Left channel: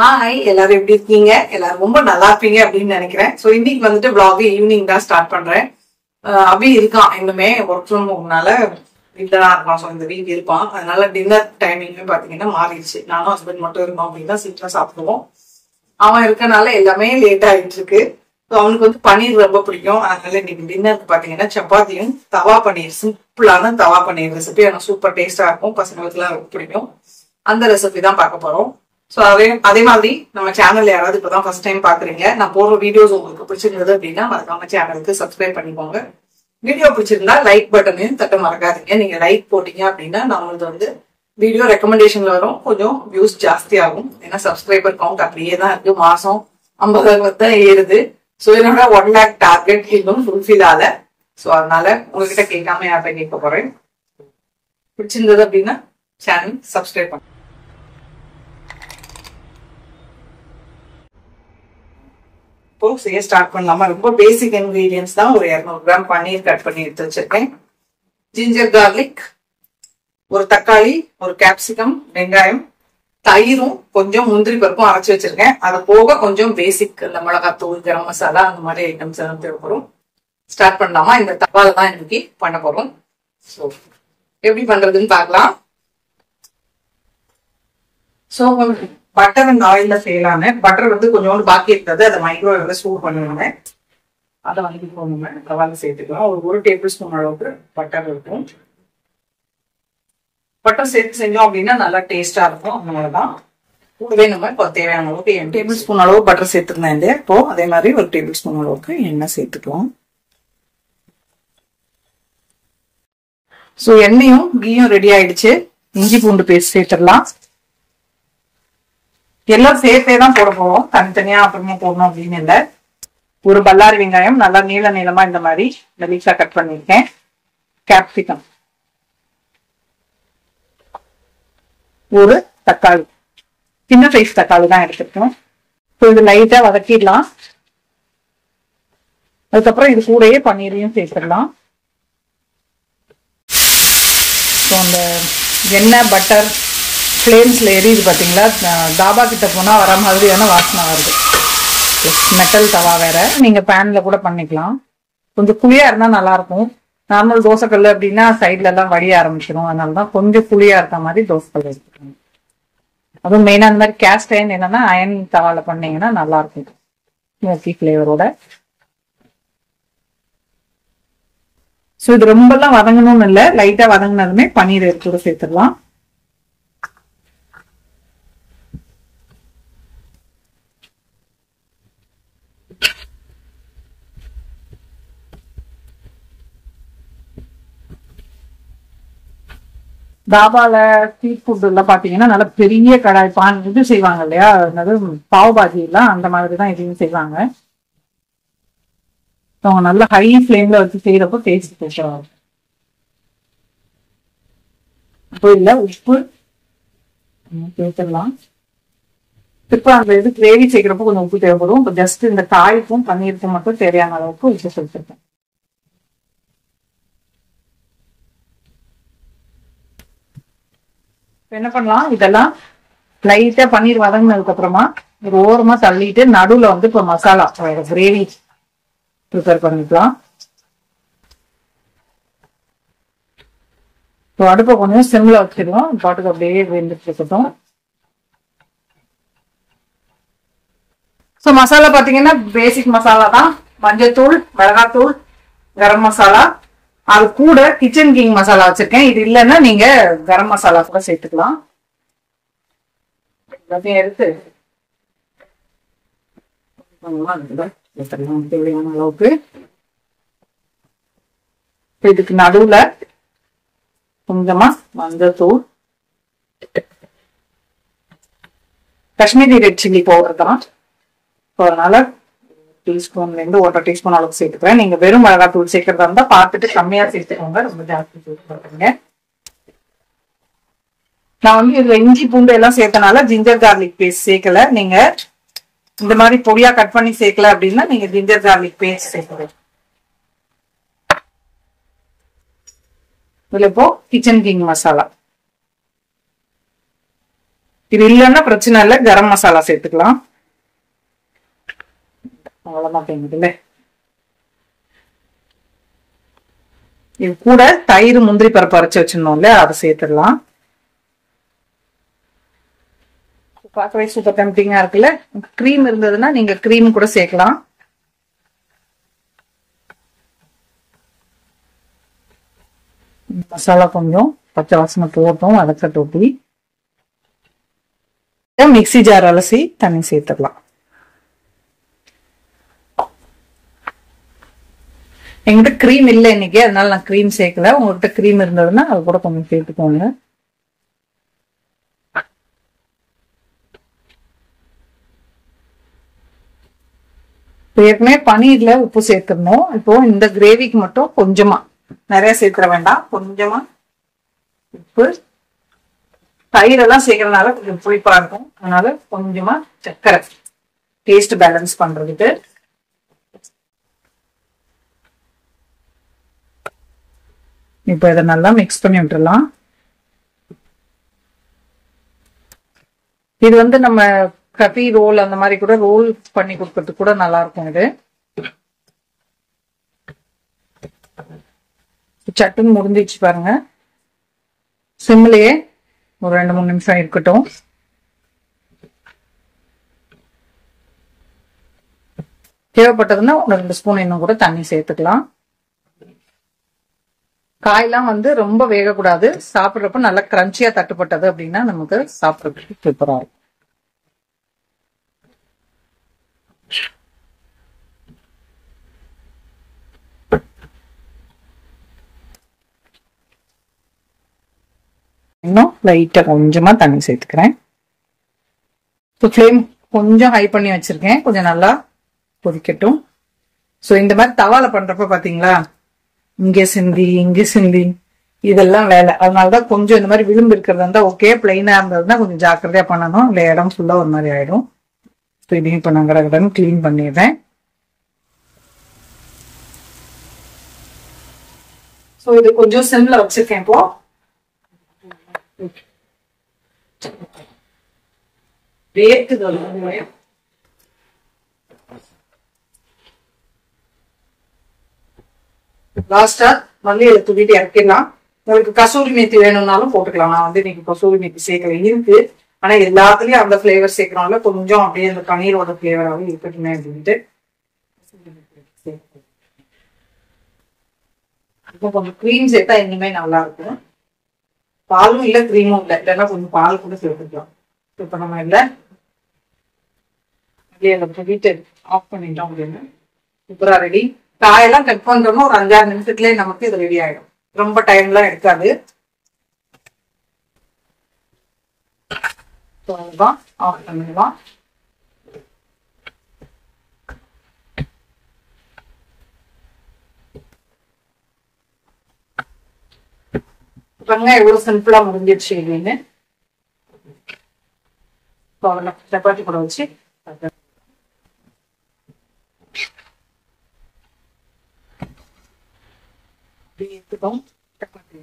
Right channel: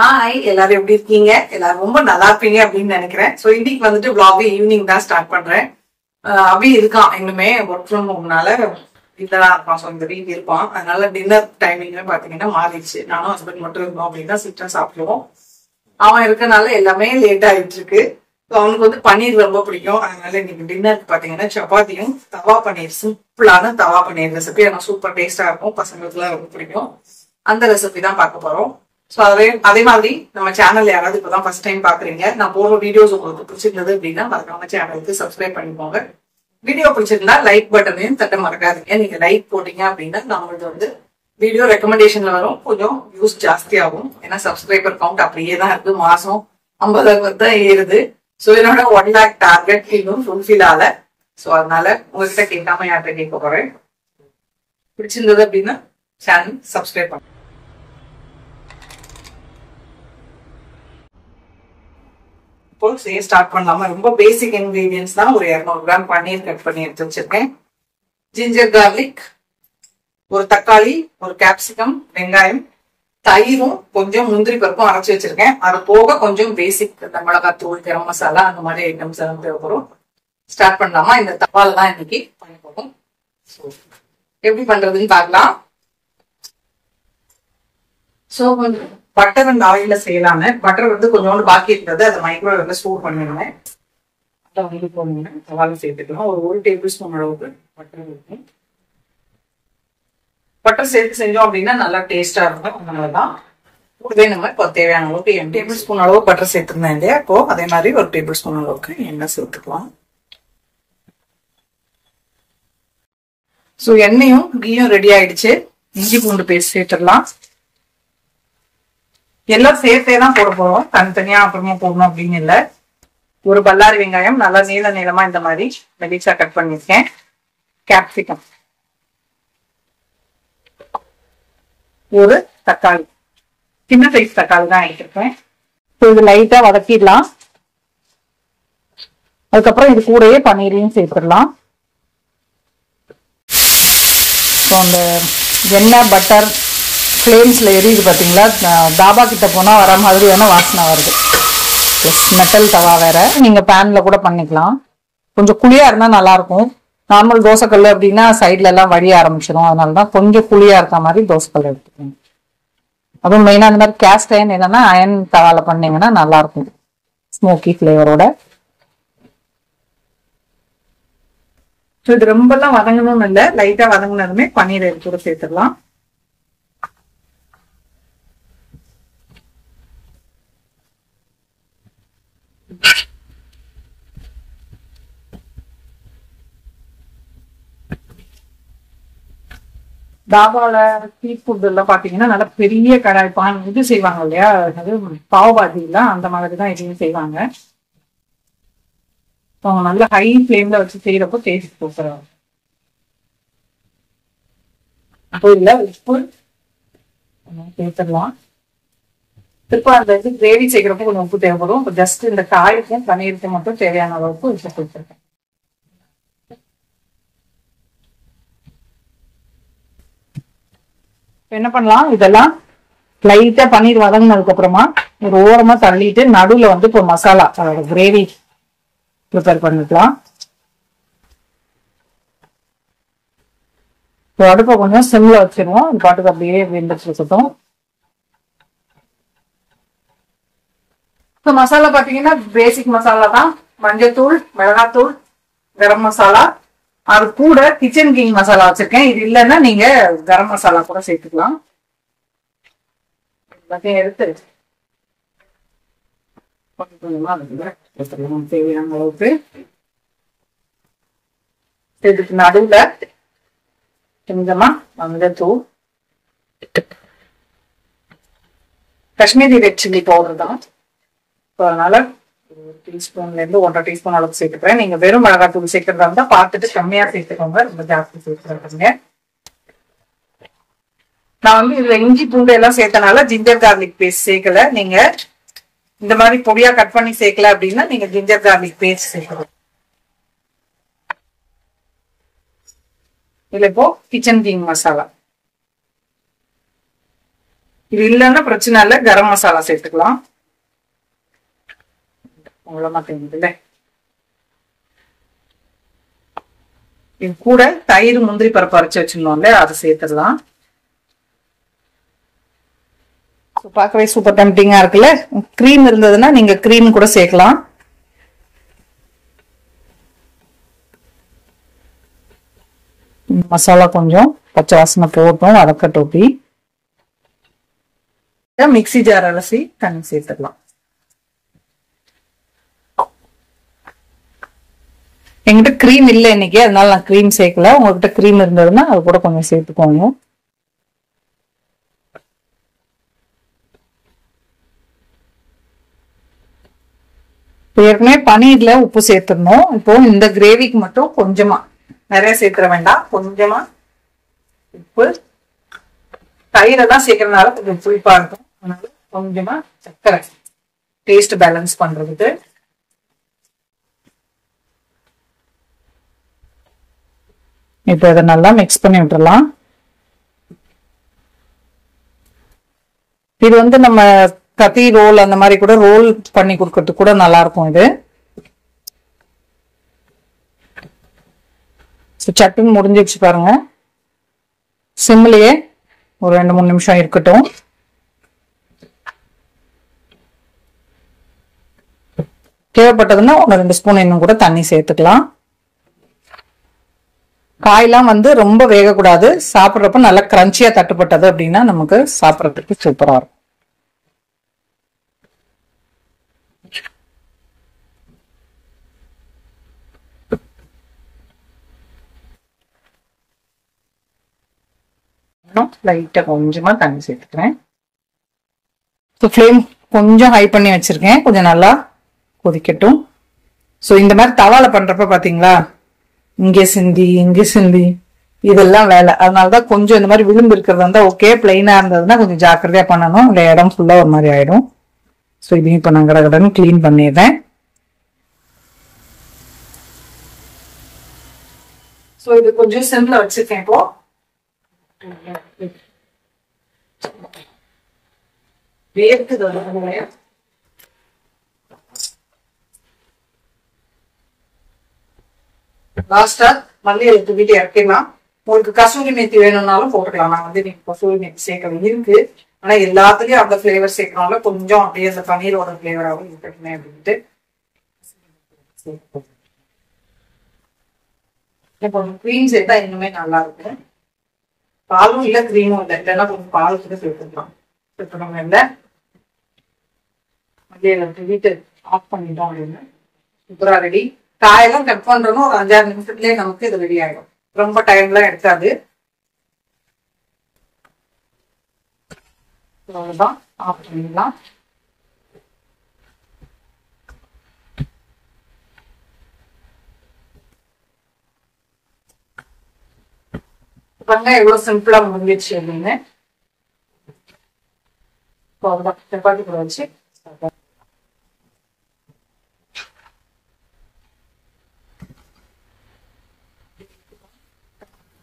Hi எல்லாரும் எப்படி இருக்கீங்க? எல்லாரும் ரொம்ப நல்லா இருப்பீங்க அப்படின்னு நினைக்கிறேன். ஸோ இன்னைக்கு வந்துட்டு vlog ஈவினிங் தான் ஸ்டார்ட் பண்றேன். அப்படி இருக்கான் இன்னுமே ஒர்க் ஃப்ரம் ஹோம்னால வீட்டில் தான் இருப்பான். ஸோ இந்த வீக் இருப்பான். அதனால டின்னர் டைமிங்னு பாத்தீங்கன்னா மாறிடுச்சு. நானும் ஹஸ்பண்ட் மட்டும் இருந்தோம் அப்படின்னா சீக்கிரம் சாப்பிடுவோம். அவன் இருக்கனால எல்லாமே லேட் ஆயிட்டு இருக்கு. ஸோ அவனுக்கு வந்து பன்னீர் ரொம்ப பிடிக்கும். அதனால இன்னைக்கு டின்னருக்கு பாத்தீங்கன்னா சப்பாத்தியும் தவா பன்னீர், சிம்பிளான தவா பன்னீர் ரெசிபி. ஆனால் சூப்பர் டேஸ்டா இருக்கும். பசங்களுக்கு எல்லாம் ரொம்ப பிடிக்கும். அந்த ரெசிபி தான் பார்க்க போறோம். சோ அதே மாதிரி நம்ம சேனல் யாராவது இப்பதான் ஃபர்ஸ்ட் டைம் பாக்குறீங்க, நான் போடுற வீடியோஸ் உங்களுக்கு பிடிச்சிருந்தது அப்படின்னா மறக்காம சேனலுக்கு சப்ஸ்கிரைப் பண்ணிக்கோங்க. வீடியோ பிடிச்சிருந்தா லைக் பட்டனையும் தட்ட மறக்காதீங்க. நீங்க லைக் போட்டீங்க அப்படின்னா நம்மளுக்கு வந்து வீடியோ ரெக்கமெண்டேஷன்ல வரும், கொஞ்சம் வியூஸ் ஜாஸ்தி ஆகும். ஏன்னா சப்ஸ்கிரைபர் கவுண்ட் அப்படியே தான் இருக்கு, மாசம் 50,000 தான் ஏறுது. சோ என்னோட 1 lakh டார்கெட் இன்னும் ஃபுல்ஃபில் ஆகல. சோ அதனால உங்ககிட்ட கேட்காம யார்கிட்ட கேட்க போறேன். பிடிச்சிருந்தது அப்படின்னா சேனல் சப்ஸ்கிரைப் பண்ணுங்க. இப்போ செய்ய ஸ்டார்ட் பண்ணலாமா? ரொம்ப பேசிக் இன்கிரீடியன்ஸ் தான். ஒரு 200 கிராம் பன்னீர் கட் பண்ணி எடுத்து வச்சிருக்கேன். ஜிஞ்சர் கார்லிக், ஒரு தக்காளி, ஒரு கேப்சிகம், வெங்காயம், தயிரும் கொஞ்சம் முந்திரி பருப்பும் அரைச்சி வச்சிருக்கேன். அது போக கொஞ்சம் பேசிக் இந்த மிளகாத்தூள், கரம் மசாலா அந்த மாதிரி ஐட்டம்ஸ் எல்லாம் தேவைப்படும். ஸ்டார்ட் பண்ணலாமா? இந்த தவால தான் இன்னைக்கு பண்ண போறோம். ஸோ எப்படி பண்றதுன்னு பார்க்கலாம். ஸோ பட்டர் அண்ட் ஆயில்ல செய்யலான்னு பட்டர் வந்து கொஞ்சோண்டு பாக்கி இருந்தது, அதை மைக்ரோவேவ்ல ஸ்டோர் பண்ணிருந்தேன். அதை வந்து போகணுங்க தவால சேர்த்துக்கலாம். ஒரு டேபிள் ஸ்பூன் அளவுக்கு பட்டர் இருக்கும். பட்டர் சேர்த்து செஞ்சோம் அப்படின்னா நல்லா டேஸ்டா இருக்கும். அதனாலதான் கூடவே நம்ம இப்போ தேவையான அளவுக்கு டேபிள் ஸ்பூன் அளவு பட்டர் சேர்த்துருந்தேன் இல்லையா, இப்போ அதே மாதிரி ஒரு டேபிள் ஸ்பூன் அளவுக்கு எண்ணெய் சேர்த்துக்கலாம். ஸோ எண்ணெயும் கீயும் ரெடி ஆயிடுச்சு. இஞ்சி பூண்டு பேஸ்ட் சேர்த்துடலாம். எல்லாம் சேர்த்தே தான் போட போறோம், தனித்தனியா அப்புறமா போடணும் அப்படின்னு இல்லை. ஒரு பல்லாரி வெங்காயம் நல்லா நீளமா இந்த மாதிரி மெலிசா கட் பண்ணிருக்கேன். கேப்சிகம், ஒரு தக்காளி, சின்ன சைஸ் தக்காளி தான் எடுத்திருக்கேன். இது லைட்டா வதக்கிடலாம். அதுக்கப்புறம் இது கூடயே பன்னீரையும் சேர்த்துடலாம். அந்த எண்ணெய் பட்டர் ஃப்ளேம்ஸ்ல எரியுது பாத்தீங்களா, தாபா கிட்ட போனா வர மாதிரியான வாசனை வருது. மெட்டல் தவா வேற, நீங்க பேன்ல கூட பண்ணிக்கலாம். கொஞ்சம் குழியா இருந்தா நல்லா இருக்கும். நார்மல் தோசைக்கல் அப்படின்னா சைட்ல எல்லாம் வடிய ஆரம்பிச்சிடும். அதனாலதான் கொஞ்சம் குழியா இருக்க மாதிரி தோசைக்கல் எடுத்துக்கோங்க. அதுவும் மெயினா அந்த மாதிரி கேஸ்ட் அயன் என்னன்னா அயன் தவால பண்ணீங்கன்னா நல்லா இருக்கும், ஸ்மோக்கி ஃபிளேவரோட. ஸோ இது ரொம்ப எல்லாம் வதங்கணும்னு இல்லை, லைட்டா வதங்கினதுமே பன்னீர் எடுத்து சேர்த்துடலாம். தாபால ஸ்ட்ரீட் ஃபுட் எல்லாம் பாத்தீங்கன்னா நல்ல பெரிய கடாய் பான் இது செய்வாங்க இல்லையா, என்னது பாவ் பாஜி எல்லாம் அந்த மாதிரிதான் இதையும் செய்வாங்க. அவங்க நல்ல ஹை ஃபிளேம்ல வச்சு செய்யறப்போ டேஸ்ட் போட்டுருவாங்க. அப்போ இல்ல உப்பு சேர்த்துடலாம். இப்போ அந்த இது கிரேவி செய்யறப்போ கொஞ்சம் உப்பு தேவைப்படும். இப்போ ஜஸ்ட் இந்த காய்க்கும் பன்னீருக்கும் மட்டும் தேவையான அளவுக்கு உப்பு சேர்த்துருக்கேன். என்ன பண்ணலாம், இதெல்லாம் லைட்டா பன்னீர் வதங்கினதுக்கு அப்புறமா ஒரு ஓரமா தள்ளிட்டு நடுவுல வந்து இப்போ மசாலா கிரேவி ப்ரிப்பேர் பண்ணிக்கலாம். அடுப்பை கொஞ்சம் சிம்ல வச்சிருவோம், பாட்டுக்கு அப்படியே வெந்துட்டு இருக்கட்டும். ஸோ மசாலா பாத்தீங்கன்னா பேசிக் மசாலா தான். மஞ்சத்தூள், மிளகாத்தூள், கரம் மசாலா, அது கூட கிச்சன் கிங் மசாலா வச்சிருக்கேன். இது இல்லைன்னா நீங்க கரம் மசாலா கூட சேர்த்துக்கலாம். எல்லாத்தையும் எடுத்து தேவையான அளவுக்கு இதுக்கு நடுவுல கொஞ்சமா மஞ்சத்தூள், காஷ்மீரி ரெட் சில்லி பவுடர் தான். அதனால டீஸ்பூன்ல இருந்து 1.5 டீஸ்பூன் அளவுக்கு சேர்த்துக்கிறேன். நீங்க வெறும் மிளகாத்தூள் சேர்க்கறதா இருந்தா பார்த்துட்டு கம்மியா சேர்த்துக்கோங்க, ரொம்ப ஜாஸ்தி சேர்த்துக்கிறீங்க. நான் வந்து இதுல இஞ்சி பூண்டு எல்லாம் சேர்த்தனால ஜிஞ்சர் கார்லிக் பேஸ்ட் சேர்க்கல. நீங்க இந்த மாதிரி பொடியா கட் பண்ணி சேர்க்கல அப்படின்னா நீங்க ஜிஞ்சர் கார்லிக் பேஸ்ட் சேர்க்கணும். இதுல இப்போ கிச்சன் கிங் மசாலா இது இல்லைன்னா பிரச்சனை இல்லை, கரம் மசாலா சேர்த்துக்கலாம். அவ்வளவுதான். இது கூட தயிர் முந்திரி பருப்பு அரைச்சு வச்சிருந்தோம்ல, அதை சேர்த்துடலாம். பார்க்கவே சூப்பர் டெம்டிங்கா இருக்குல்ல. கிரீம் இருந்ததுன்னா நீங்க கிரீம் கூட சேர்க்கலாம். மசாலா கொஞ்சம் பச்சை வாசனை போட்டோம், வதக்கட்டோட்டி மிக்ஸி ஜார் அலசி தண்ணி சேர்த்துக்கலாம். என்கிட்ட கிரீம் இல்லை இன்னைக்கு, அதனால நான் கிரீம் சேர்க்கல. உங்ககிட்ட கிரீம் இருந்ததுன்னா அது கூட கொஞ்சம் சேர்த்துக்கோங்க. ஏற்கனவே பன்னீர்ல உப்பு சேர்த்துடணும். இப்போ இந்த கிரேவிக்கு மட்டும் கொஞ்சமா, நிறைய சேர்த்துட வேண்டாம், கொஞ்சமா உப்பு. தயிரெல்லாம் சேர்க்கறதுனால கொஞ்சம் புளிப்பா இருக்கும், அதனால கொஞ்சமா சர்க்கரை டேஸ்ட் பேலன்ஸ் பண்றதுக்கு. இப்போ இதை நல்லா மிக்ஸ் பண்ணி விட்டுறலாம். இது வந்து நம்ம கத்தி ரோல் அந்த மாதிரி கூட ரோல் பண்ணி கொடுக்கறதுக்கு கூட நல்லா இருக்கும் இது. சட்டுன்னு முடிஞ்சிச்சு பாருங்க. சிம்லயே ஒரு 2-3 நிமிஷம் இருக்கட்டும். தேவைப்பட்டதுன்னா 1-2 ஸ்பூன் இன்னும் கூட தண்ணி சேர்த்துக்கலாம். காயெல்லாம் வந்து ரொம்ப வேகக்கூடாது. சாப்பிட்றப்ப நல்லா கிரன்ச்சியா தட்டுப்பட்டது அப்படின்னா நமக்கு சாப்பிட்றதுக்கு சூப்பரா இருக்கும். இன்னும் லைட்டா கொஞ்சமா தண்ணி சேர்த்துக்கிறேன். ஃப்ளேம் கொஞ்சம் ஹை பண்ணி வச்சிருக்கேன், கொஞ்சம் நல்லா கொதிக்கட்டும். ஸோ இந்த மாதிரி தவால பண்றப்ப பாத்தீங்களா, இங்கே சிந்தி இதெல்லாம் வேலை. அதனாலதான் கொஞ்சம் இந்த மாதிரி விளிம்பு இருக்கிறது இருந்தா ஓகே, பிளைனா இருந்ததுன்னா கொஞ்சம் ஜாக்கிரதையா பண்ணணும், இல்லை இடம் ஃபுல்லா ஒரு மாதிரி ஆயிடும். ஸோ இதையும் இப்போ நான் கடகடன்னு கிளீன் பண்ணிடுறேன். ஸோ இது கொஞ்சம் சிம்ல வச்சிருக்கேன். இப்போ வேர்க்குது. லாஸ்டா மல்லியில தூவிட்டு இறக்கிடலாம். உங்களுக்கு கசூரி மேத்தி வேணும்னாலும் போட்டுக்கலாம். நான் வந்து இன்னைக்கு கசூரி மேத்தி சேர்க்கல, இருக்கு. ஆனா எல்லாத்துலயும் அந்த பிளேவர் சேர்க்கறோம்ல, கொஞ்சம் அப்படியே அந்த பன்னீரோட பிளேவராகவும் இருக்கட்டுமே அப்படின்ட்டு கொஞ்சம் கிரீம் சேர்த்தா இன்னுமே நல்லா இருக்கும். பாலும் இல்ல கிரீமும் இல்லை, இல்லைன்னா கொஞ்சம் பால் கூட சேர்த்துக்கலாம். இப்ப நம்ம இல்ல மல்லியில தூவிட்டு ஆஃப் பண்ணிட்டோம் அப்படின்னு சூப்பரா ரெடி. காயெல்லாம் கட் பண்றோம்னா ஒரு 5-6 நிமிஷத்துலயே நமக்கு இது ரெடி ஆயிடும். ரொம்ப டைம்லாம் எடுக்காது. அவ்வளவுதான், ஆஃப் பண்ணிடலாம். வெங்காயம் எவ்வளவு சிம்பிளா முடிஞ்சிடுச்சு அப்படின்னு. சப்பாத்தி கூட வச்சு எடுத்துக்கோம். சப்பாத்தி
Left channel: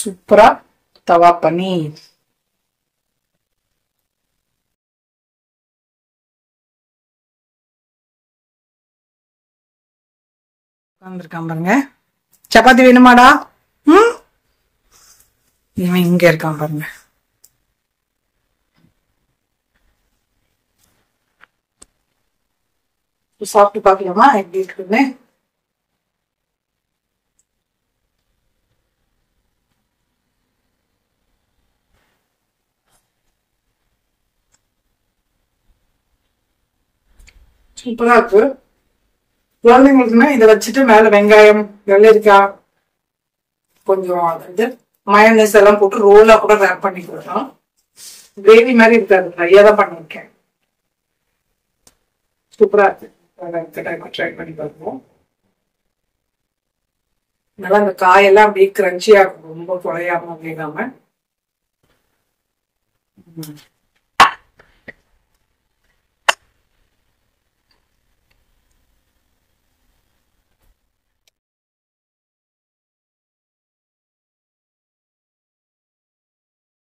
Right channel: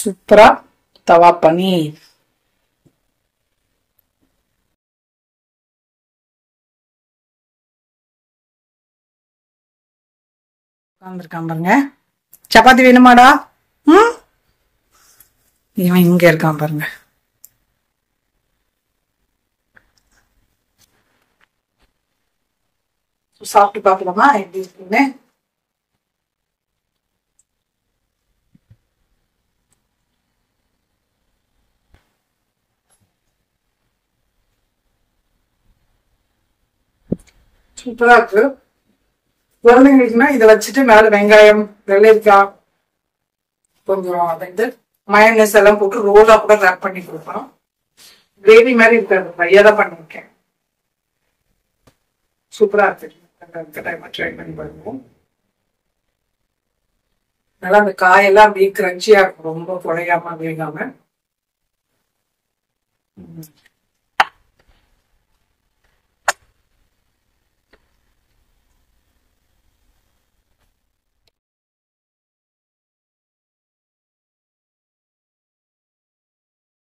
சூப்பரா தவா பன்னீர். உட்கார்ந்துருக்கான் பாருங்க. சப்பாத்தி வேணுமாடா? இவன் இங்க இருக்கான் பாருங்க. சாப்பிட்டு பாக்கலாமா எப்படி இருக்குன்னு? சூப்பரா இருக்கு. குழந்தைங்களுக்குன்னா இதை வச்சுட்டு மேல வெங்காயம், வெள்ளரிக்காய், கொஞ்சம் அதாவது மயோனைஸ் எல்லாம் போட்டு ரோலா கூட ரேப் பண்ணி கொடுக்கலாம். கிரேவி மாதிரி இருக்காது, ட்ரையா தான் பண்ணிருக்கேன். சூப்பரா இருக்கு. டைமா ட்ரை பண்ணி பாருவோம். நல்லா அந்த காயெல்லாம் அப்படியே கிரன்ச்சியா இருக்கும், ரொம்ப குழையாம வேகாம.